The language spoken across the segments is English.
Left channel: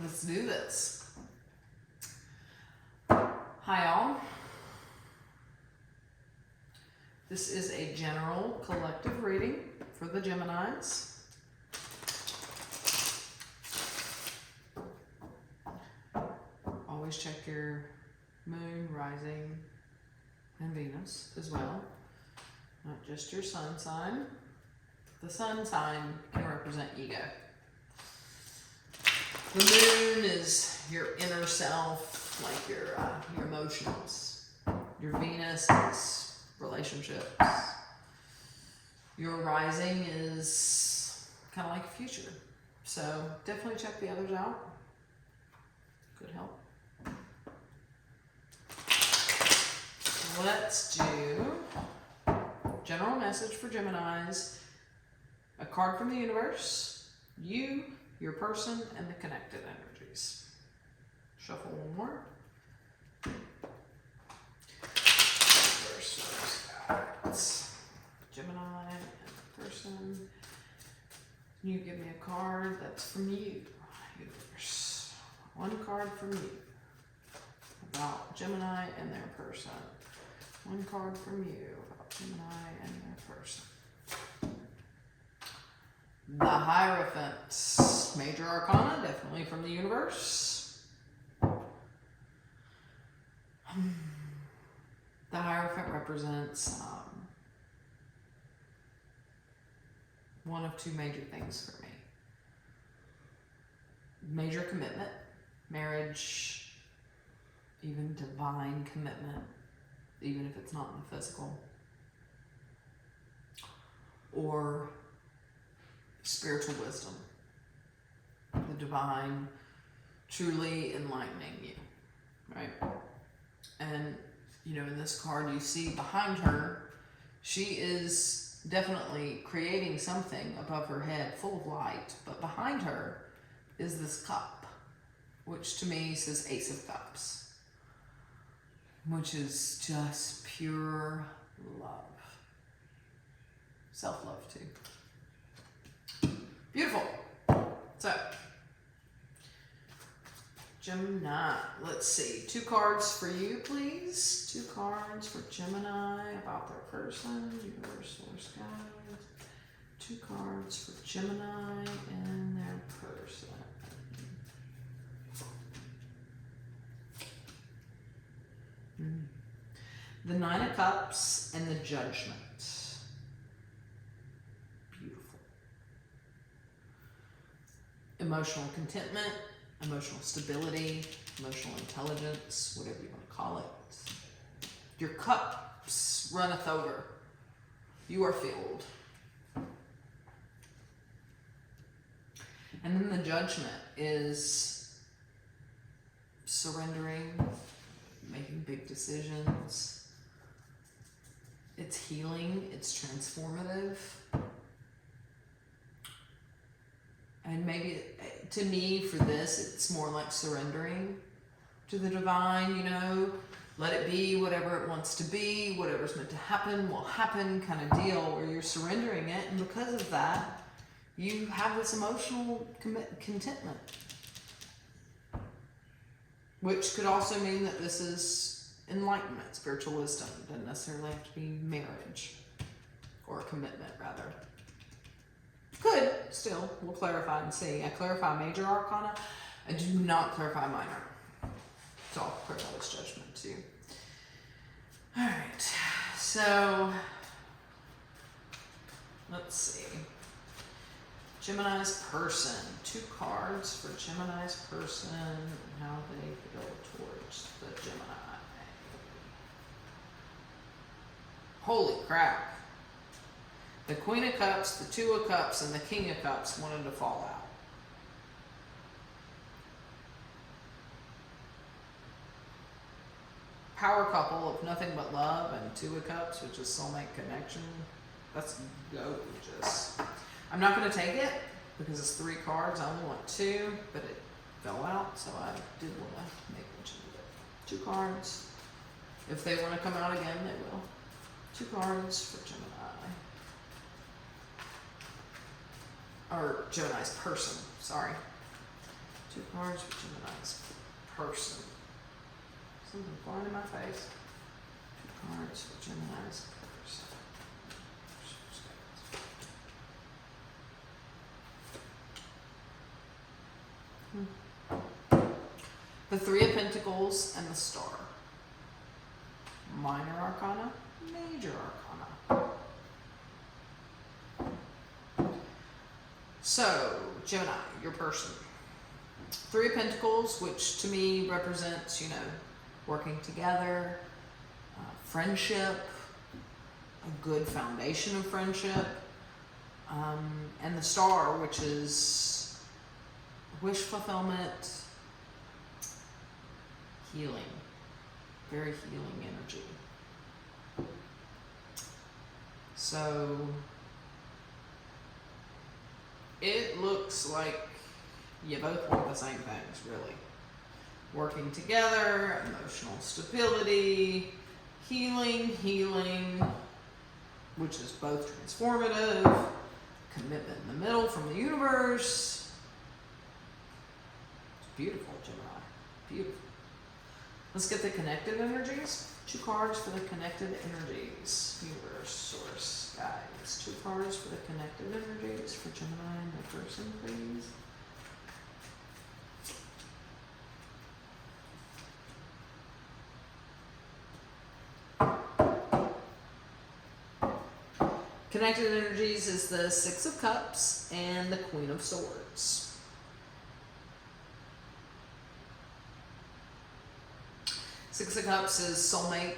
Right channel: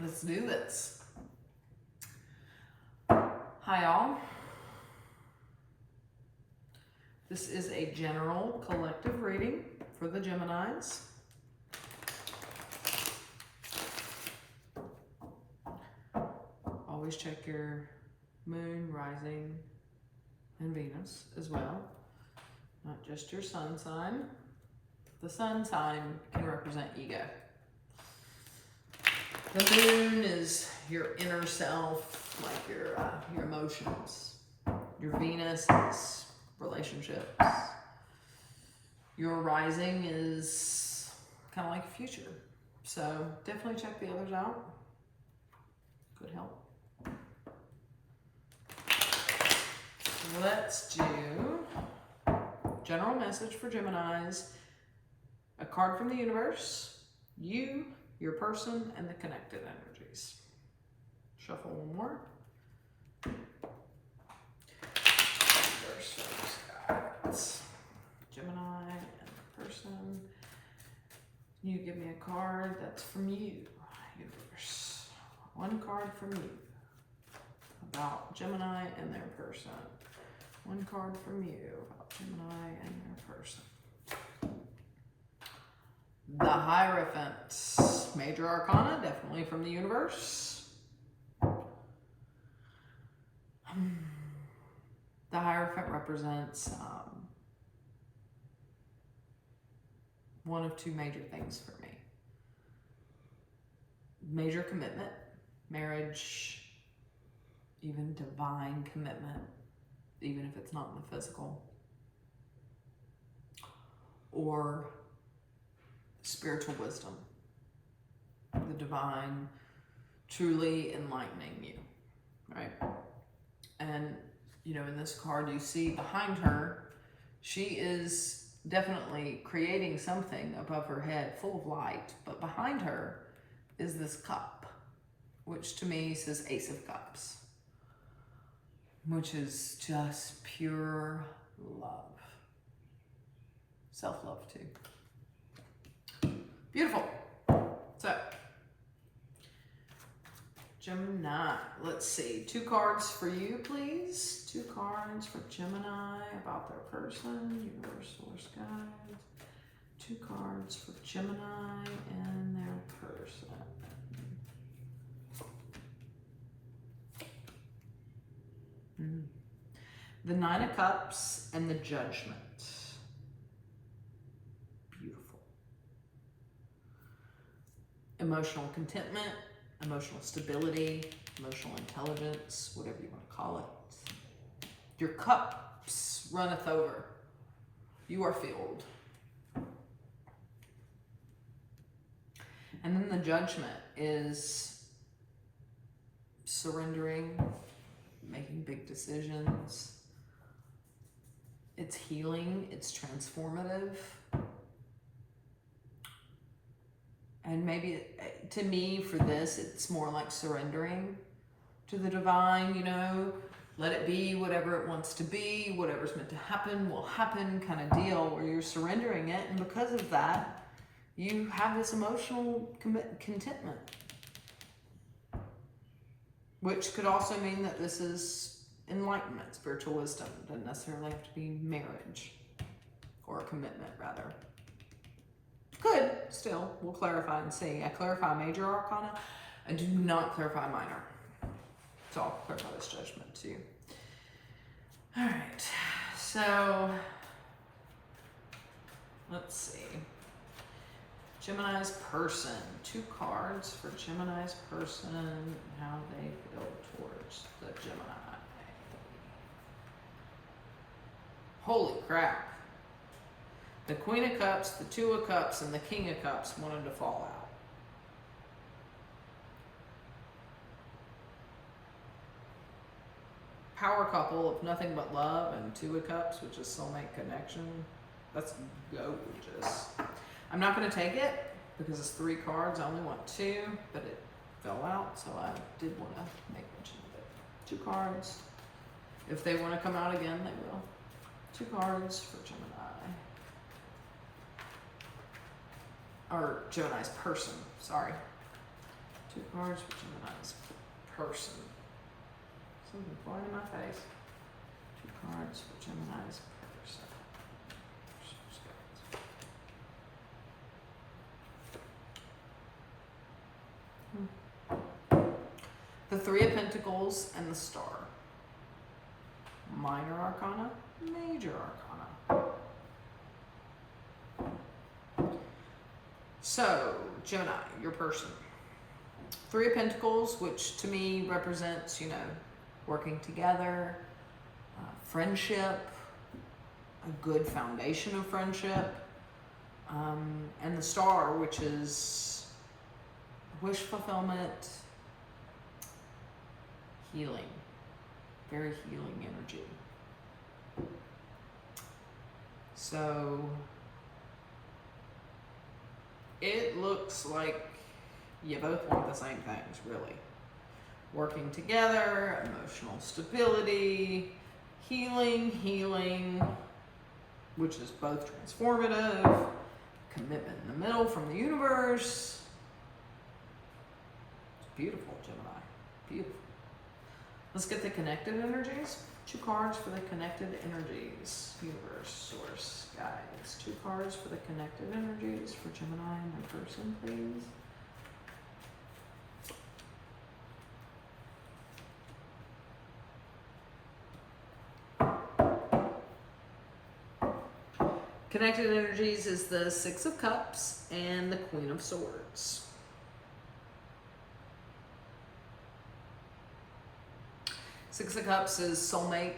Let's do this. Hi all. This is a general collective reading for the Geminis. Always check your moon, rising, and Venus as well. Not just your sun sign. The sun sign can represent ego. The moon is your inner self, like your emotions. Your Venus is relationships. Your rising is kind of like a future. So definitely check the others out. Good help. Let's do general message for Geminis. A card from the universe, you, your person, and the connected energies. Shuffle one more. First, Gemini and the person. You give me a card that's from you, universe. One card from you about Gemini and their person. One card from you about Gemini and their person. The Hierophant, major arcana, definitely from the universe. The Hierophant represents one of two major things for me. Major commitment, marriage, even divine commitment, even if it's not in the physical. Or spiritual wisdom, the divine truly enlightening you, right? And, you know, in this card you see behind her, she is definitely creating something above her head full of light, but behind her is this cup, which to me says Ace of Cups, which is just pure love. Self-love too. Beautiful. So, Gemini, let's see. 2 cards for you, please. 2 cards for Gemini about their person, universe, source guides. 2 cards for Gemini and their person. The 9 of Cups and the Judgment. Emotional contentment, emotional stability, emotional intelligence, whatever you want to call it. Your cups runneth over. You are filled. And then the Judgment is surrendering, making big decisions. It's healing, it's transformative. And maybe, to me, for this, it's more like surrendering to the divine, you know, let it be whatever it wants to be, whatever's meant to happen will happen kind of deal, where you're surrendering it. And because of that, you have this emotional contentment, which could also mean that this is enlightenment, spiritual wisdom. It doesn't necessarily have to be marriage or a commitment, rather. Could, still, we'll clarify and see. I clarify major arcana. I do not clarify minor. So I'll clarify this Judgment too. All right, so let's see. Gemini's person. 2 cards for Gemini's person and how they feel towards the Gemini. Holy crap. The Queen of Cups, the 2 of Cups, and the King of Cups wanted to fall out. Power couple of nothing but love and 2 of Cups, which is soulmate connection. That's gorgeous. I'm not going to take it because it's 3 cards. I only want 2, but it fell out, so I did want to make mention of it. 2 cards. If they want to come out again, they will. 2 cards for Gemini. Or Gemini's person, sorry. 2 cards for Gemini's person. Something flying in my face. 2 cards for Gemini's person. The 3 of Pentacles and the Star. Minor Arcana, Major Arcana. So, Gemini, your person. 3 of Pentacles, which to me represents, you know, working together, friendship, a good foundation of friendship, and the Star, which is wish fulfillment, healing, very healing energy. So it looks like you both want the same things, really. Working together, emotional stability, healing, which is both transformative, commitment in the middle from the universe. It's beautiful, Gemini. Beautiful. Let's get the connected energies. 2 cards for the connected energies. Universe, source, guides. 2 cards for the connected energies for Gemini and their person, please. Connected energies is the 6 of Cups and the Queen of Swords. 6 of Cups is soulmate.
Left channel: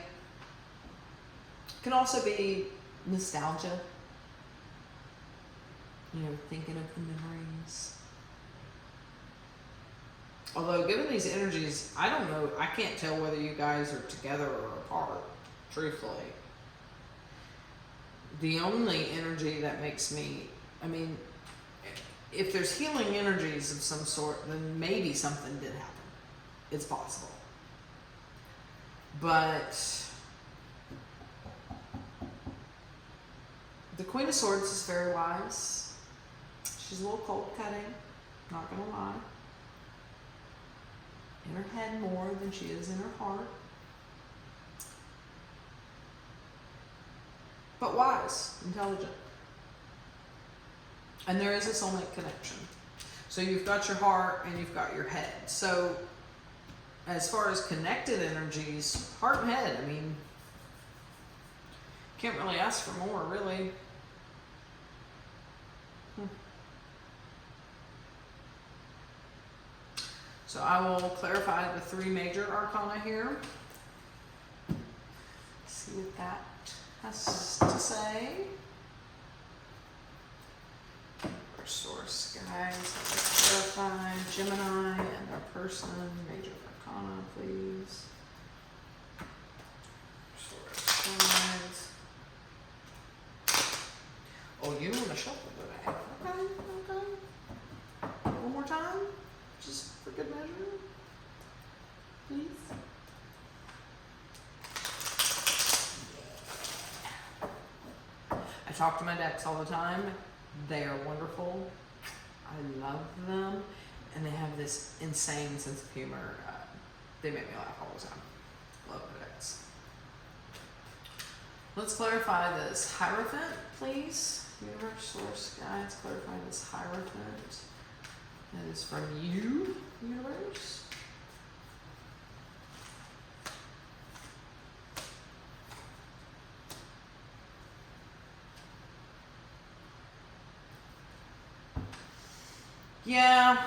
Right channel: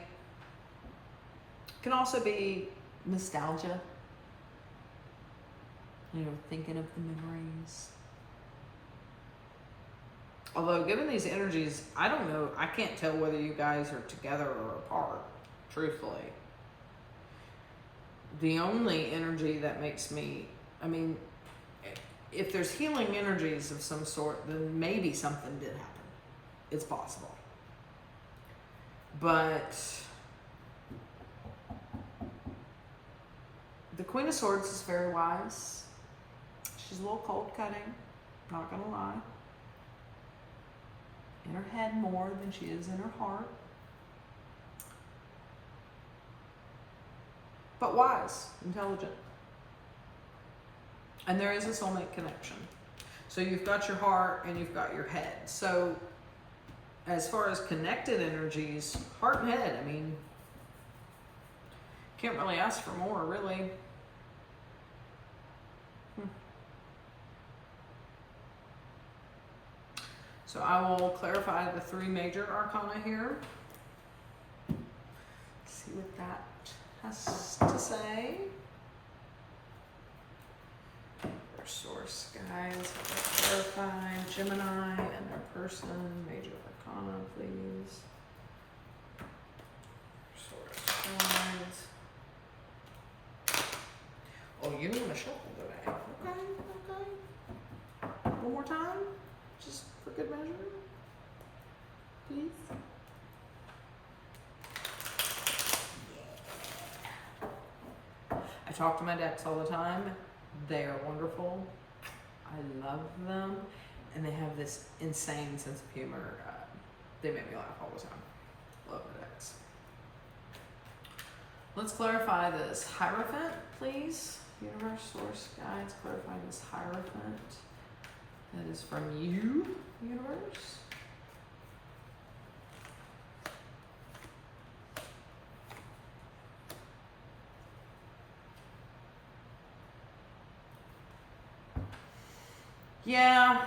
Can also be nostalgia. You know, thinking of the memories. Although, given these energies, I don't know, I can't tell whether you guys are together or apart, truthfully. The only energy that makes me, I mean, if there's healing energies of some sort, then maybe something did happen. It's possible. But the Queen of Swords is very wise. She's a little cold cutting, not gonna lie. In her head more than she is in her heart. But wise, intelligent. And there is a soulmate connection. So you've got your heart and you've got your head. So as far as connected energies, heart and head, I mean, can't really ask for more, really. So I will clarify the 3 major arcana here. See what that has to say. Source, guys, clarify Gemini and their person, major arcana, please. Source, guys. Oh, you want to shuffle today? Okay. One more time, just for good measure, please. I talk to my decks all the time. They are wonderful. I love them. And they have this insane sense of humor. They make me laugh all the time. Love my decks. Let's clarify this Hierophant, please. Universe, source, guides, clarify this Hierophant. That is from you, universe. Yeah,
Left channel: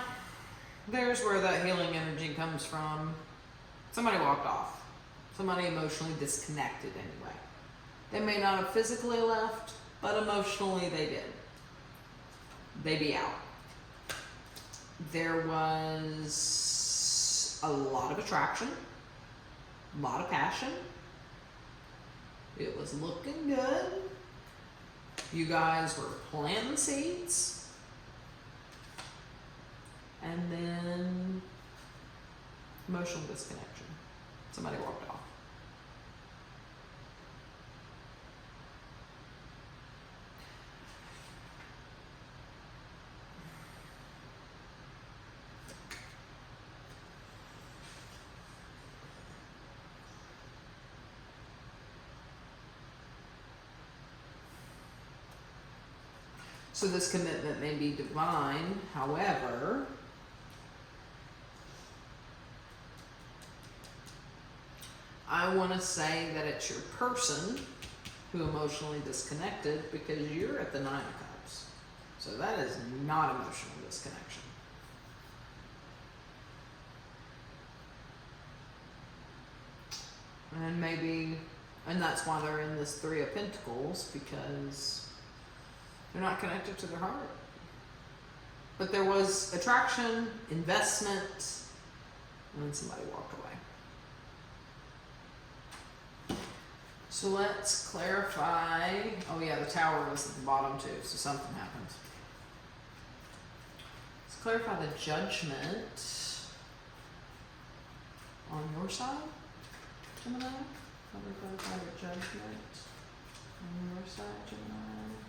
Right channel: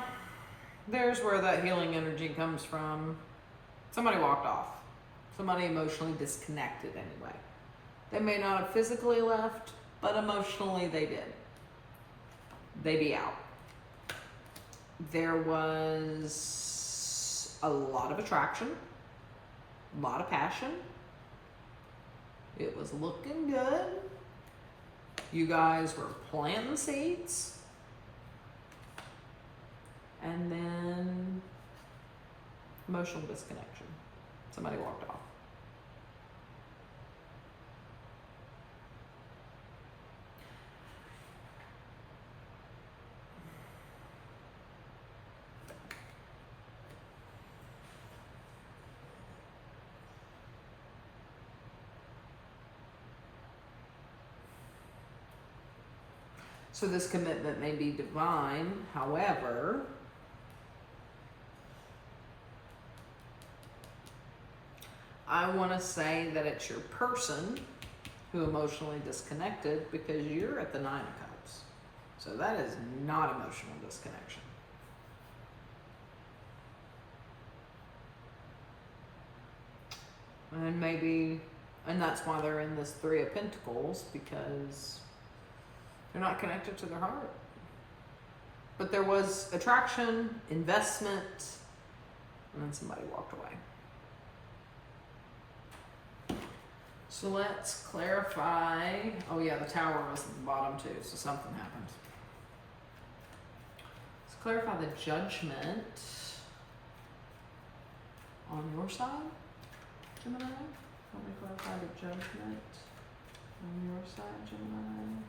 there's where that healing energy comes from. Somebody walked off. Somebody emotionally disconnected anyway. They may not have physically left, but emotionally they did. They be out. There was a lot of attraction, a lot of passion. It was looking good. You guys were planting seeds. And then emotional disconnection. Somebody walked off. So this commitment may be divine, however, I want to say that it's your person who emotionally disconnected because you're at the Nine of Cups. So that is not emotional disconnection. And maybe, and that's why they're in this Three of Pentacles, because they're not connected to their heart. But there was attraction, investment, and then somebody walked away. So let's clarify. Oh yeah, the Tower was at the bottom too, so something happened. Let's clarify the Judgment on your side, Gemini. Let me clarify the Judgment on your side, Gemini.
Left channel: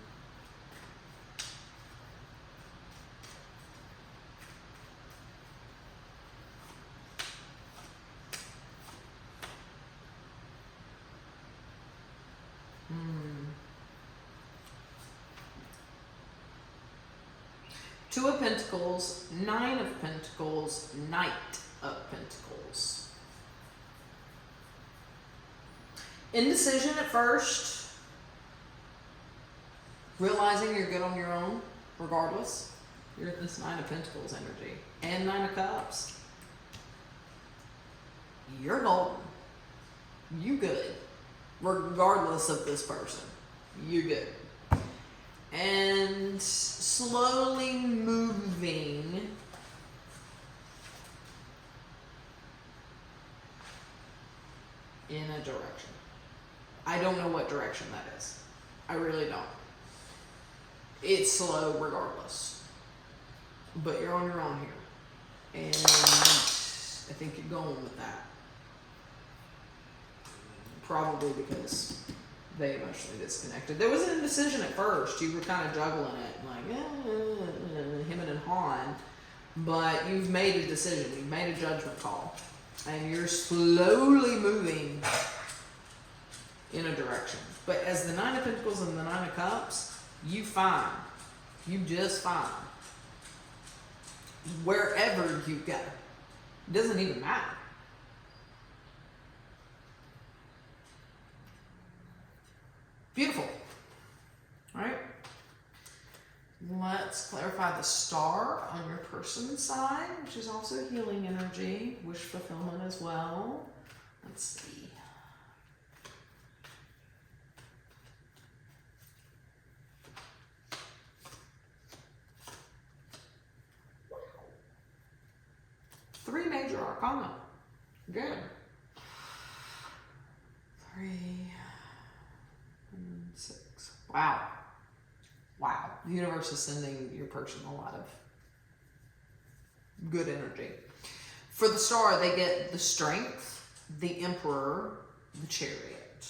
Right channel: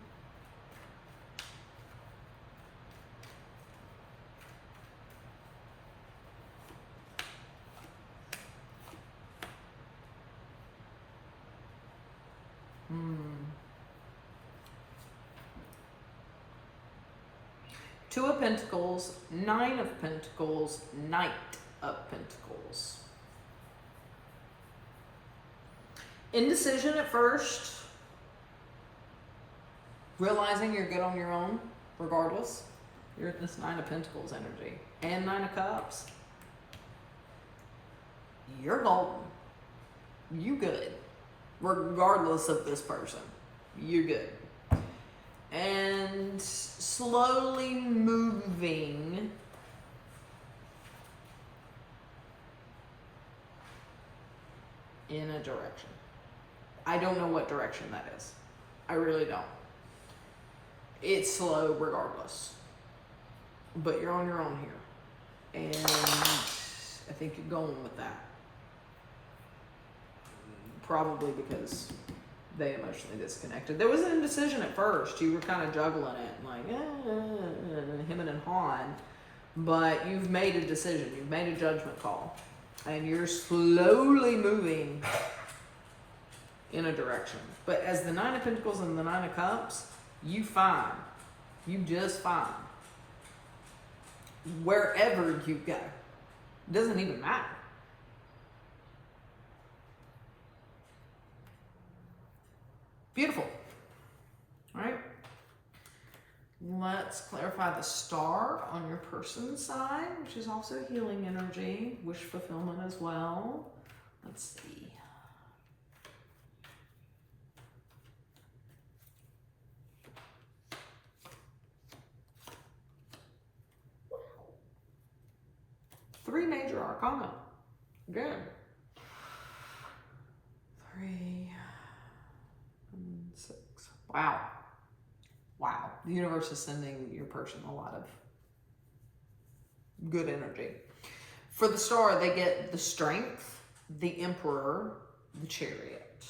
Two of Pentacles, Nine of Pentacles, Knight of Pentacles. Indecision at first, realizing you're good on your own, regardless. You're at this Nine of Pentacles energy and Nine of Cups. You're golden. You good. Regardless of this person. You good. And slowly moving in a direction. I don't know what direction that is. I really don't. It's slow regardless. But you're on your own here. And I think you're going with that. Probably because they emotionally disconnected. There was an indecision at first. You were kind of juggling it, like, him and Han. But you've made a decision. You've made a judgment call. And you're slowly moving in a direction. But as the Nine of Pentacles and the Nine of Cups, you fine. You just fine. Wherever you go. It doesn't even matter. Beautiful. All right. Let's clarify the Star on your person's side, which is also healing energy, wish fulfillment as well. Let's see. Three major arcana. Good. 3 and 6. Wow. Wow. The universe is sending your person a lot of good energy. For the Star, they get the Strength, the Emperor, the Chariot.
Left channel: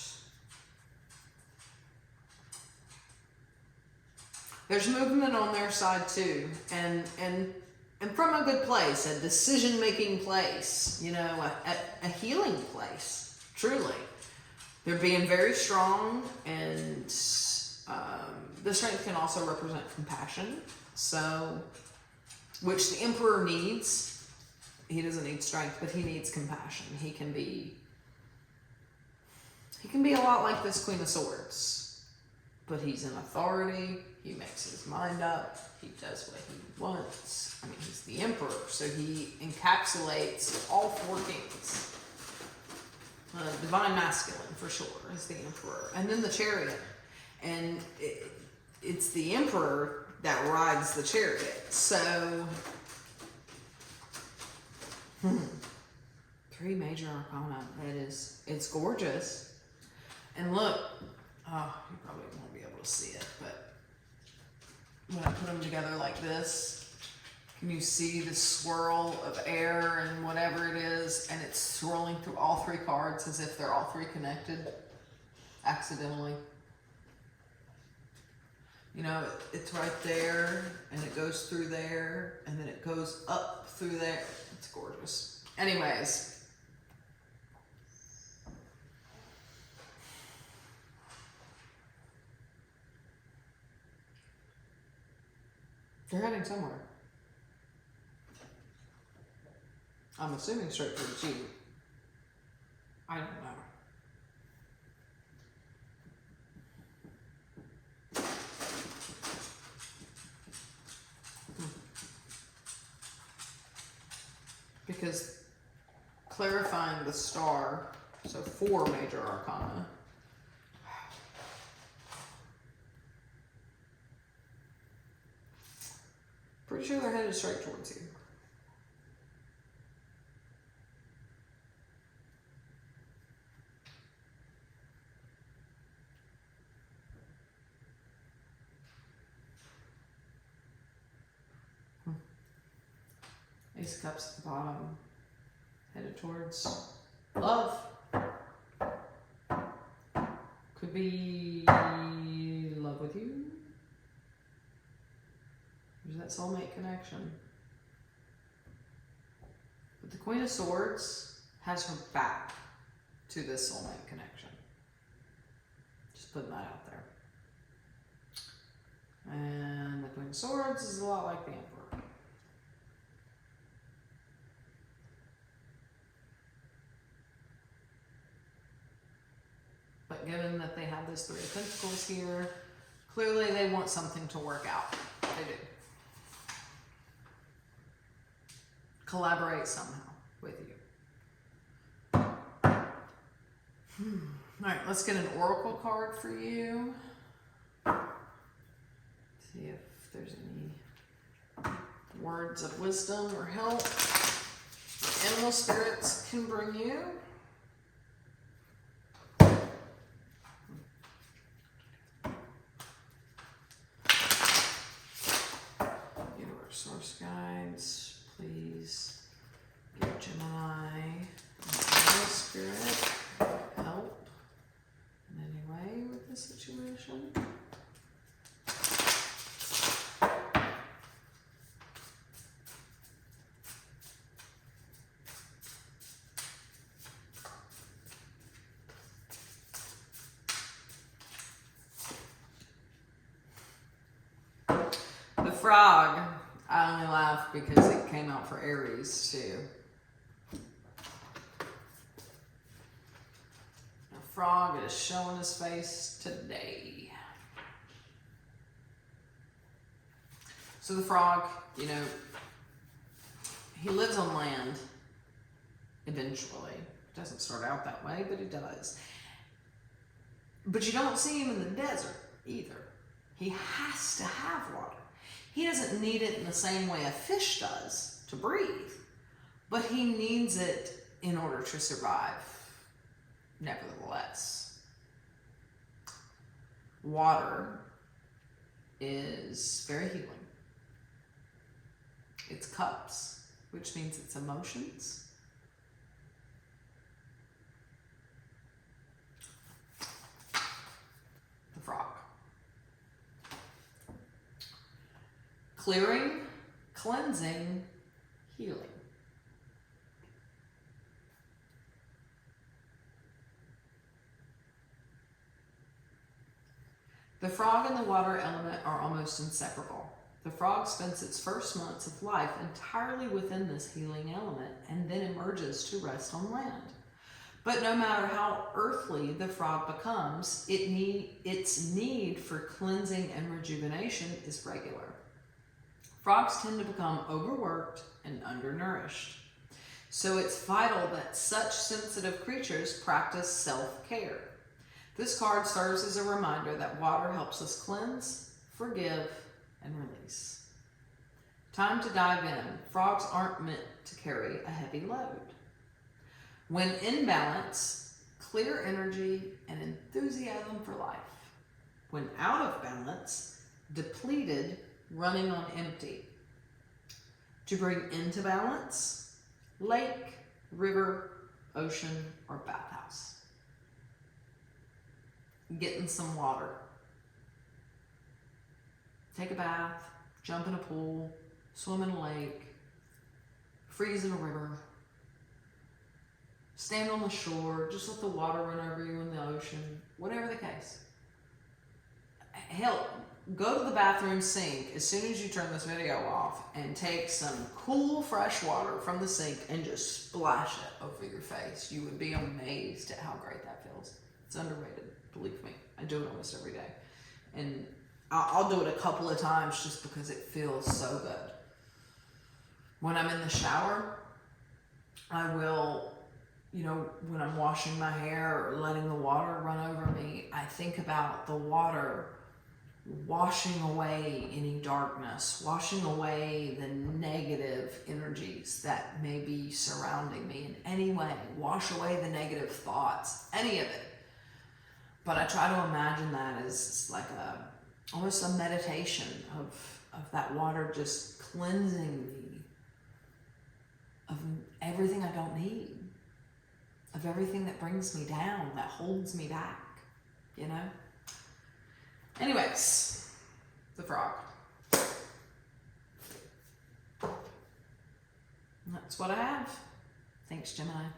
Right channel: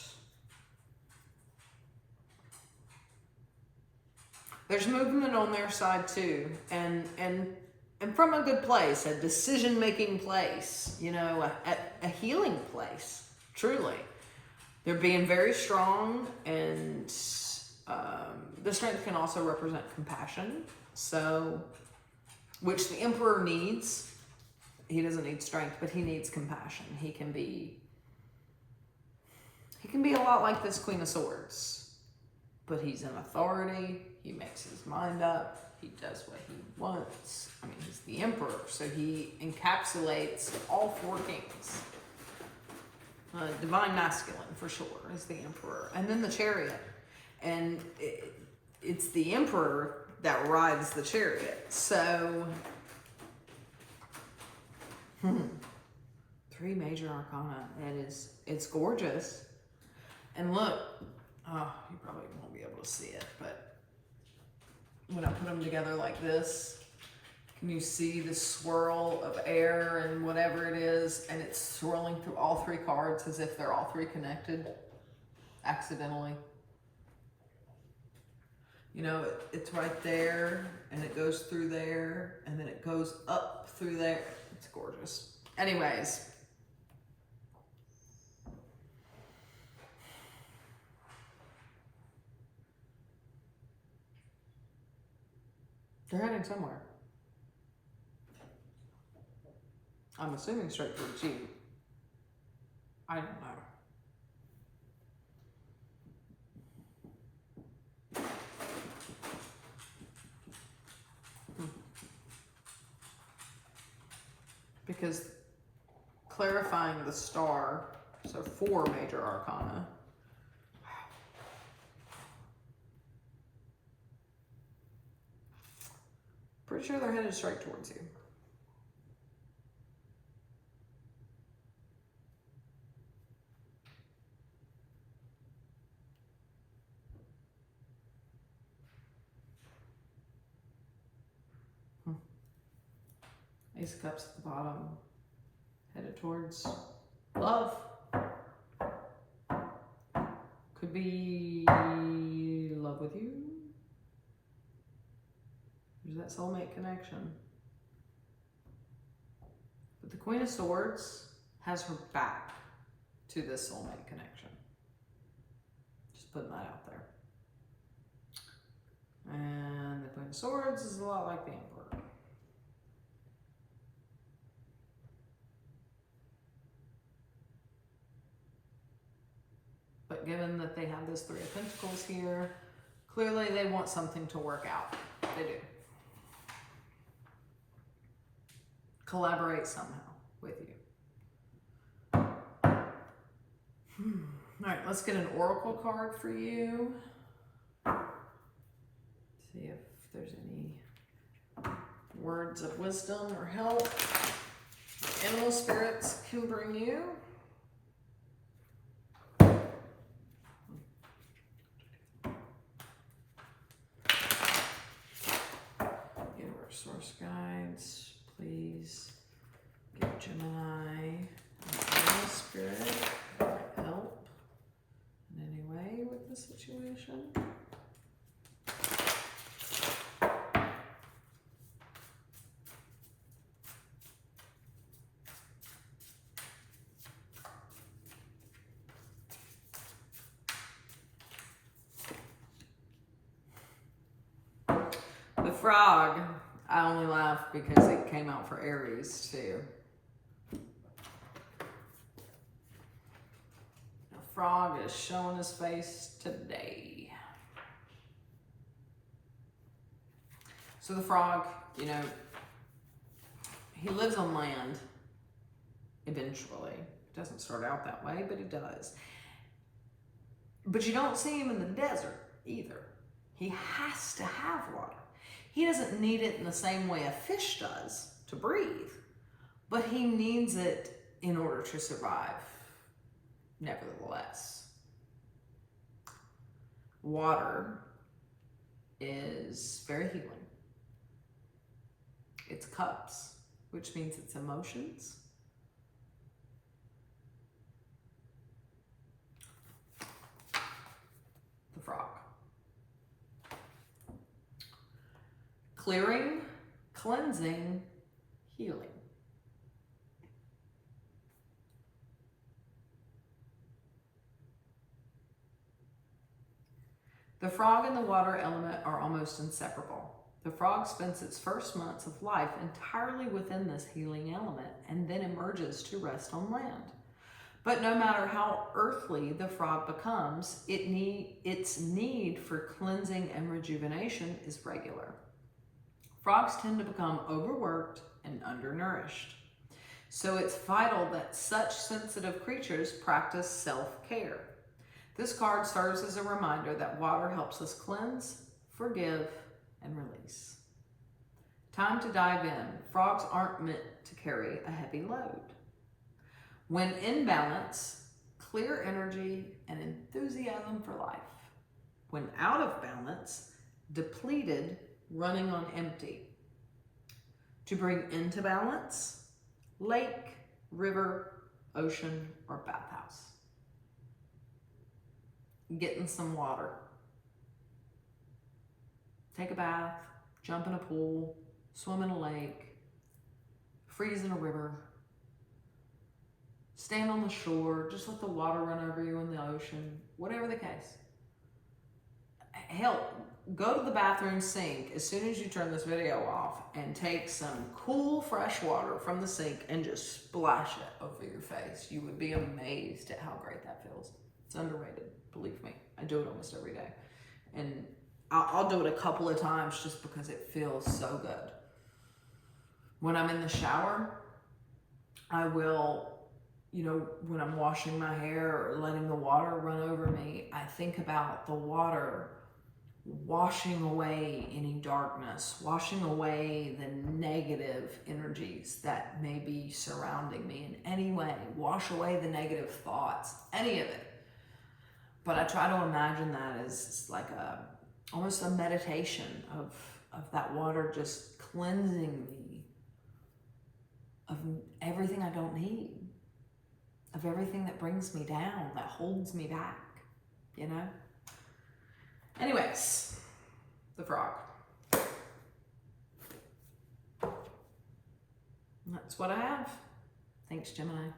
There's movement on their side too, and from a good place, a decision-making place, you know, a healing place, truly. They're being very strong, and the Strength can also represent compassion, so, which the Emperor needs. He doesn't need strength, but he needs compassion. He can be a lot like this Queen of Swords, but he's in authority. He makes his mind up. He does what he wants. I mean, he's the Emperor, so he encapsulates all four kings. Divine masculine, for sure, is the Emperor. And then the Chariot. And it's the Emperor that rides the Chariot. So, 3 major arcana. It's gorgeous. And look, oh, you probably won't be able to see it, but when I put them together like this, can you see the swirl of air and whatever it is, and it's swirling through all 3 cards as if they're all 3 connected accidentally. You know, it's right there, and it goes through there, and then it goes up through there. It's gorgeous. Anyways. They're heading somewhere. I'm assuming straight towards you. I don't know. Because clarifying the star, so 4 major arcana. Pretty sure they're headed straight towards you. Ace of Cups at the bottom, headed towards love. Could be love with you. There's that soulmate connection. But the Queen of Swords has her back to this soulmate connection. Just putting that out there. And the Queen of Swords is a lot like the Emperor. But given that they have this 3 of Pentacles here, clearly they want something to work out. They do. Collaborate somehow with you. All right, let's get an oracle card for you. See if there's any words of wisdom or help animal spirits can bring you. Source guides, please give Gemini and spirit help in any way with this situation. The frog. I only laugh because it came out for Aries too. The frog is showing his face today. So the frog, you know, he lives on land eventually. It doesn't start out that way, but it does. But you don't see him in the desert either. He has to have water. He doesn't need it in the same way a fish does to breathe, but he needs it in order to survive, nevertheless. Water is very healing. It's cups, which means it's emotions. The frog. Clearing, cleansing, healing. The frog and the water element are almost inseparable. The frog spends its first months of life entirely within this healing element and then emerges to rest on land. But no matter how earthly the frog becomes, its need for cleansing and rejuvenation is regular. Frogs tend to become overworked and undernourished. So it's vital that such sensitive creatures practice self-care. This card serves as a reminder that water helps us cleanse, forgive, and release. Time to dive in. Frogs aren't meant to carry a heavy load. When in balance, clear energy and enthusiasm for life. When out of balance, depleted, running on empty. To bring into balance, lake, river, ocean, or bathhouse. Getting some water. Take a bath, jump in a pool, swim in a lake, freeze in a river, stand on the shore, just let the water run over you in the ocean, whatever the case. hell, go to the bathroom sink as soon as you turn this video off and take some cool fresh water from the sink and just splash it over your face. You would be amazed at how great that feels. It's underrated, believe me. I do it almost every day. And I'll do it a couple of times just because it feels so good. When I'm in the shower, I will, you know, when I'm washing my hair or letting the water run over me, I think about the water washing away any darkness, washing away the negative energies that may be surrounding me in any way, wash away the negative thoughts, any of it. But I try to imagine that as like almost a meditation of that water just cleansing me of everything I don't need, of everything that brings me down, that holds me back, you know? Anyways, the frog. That's what I have. Thanks, Gemini.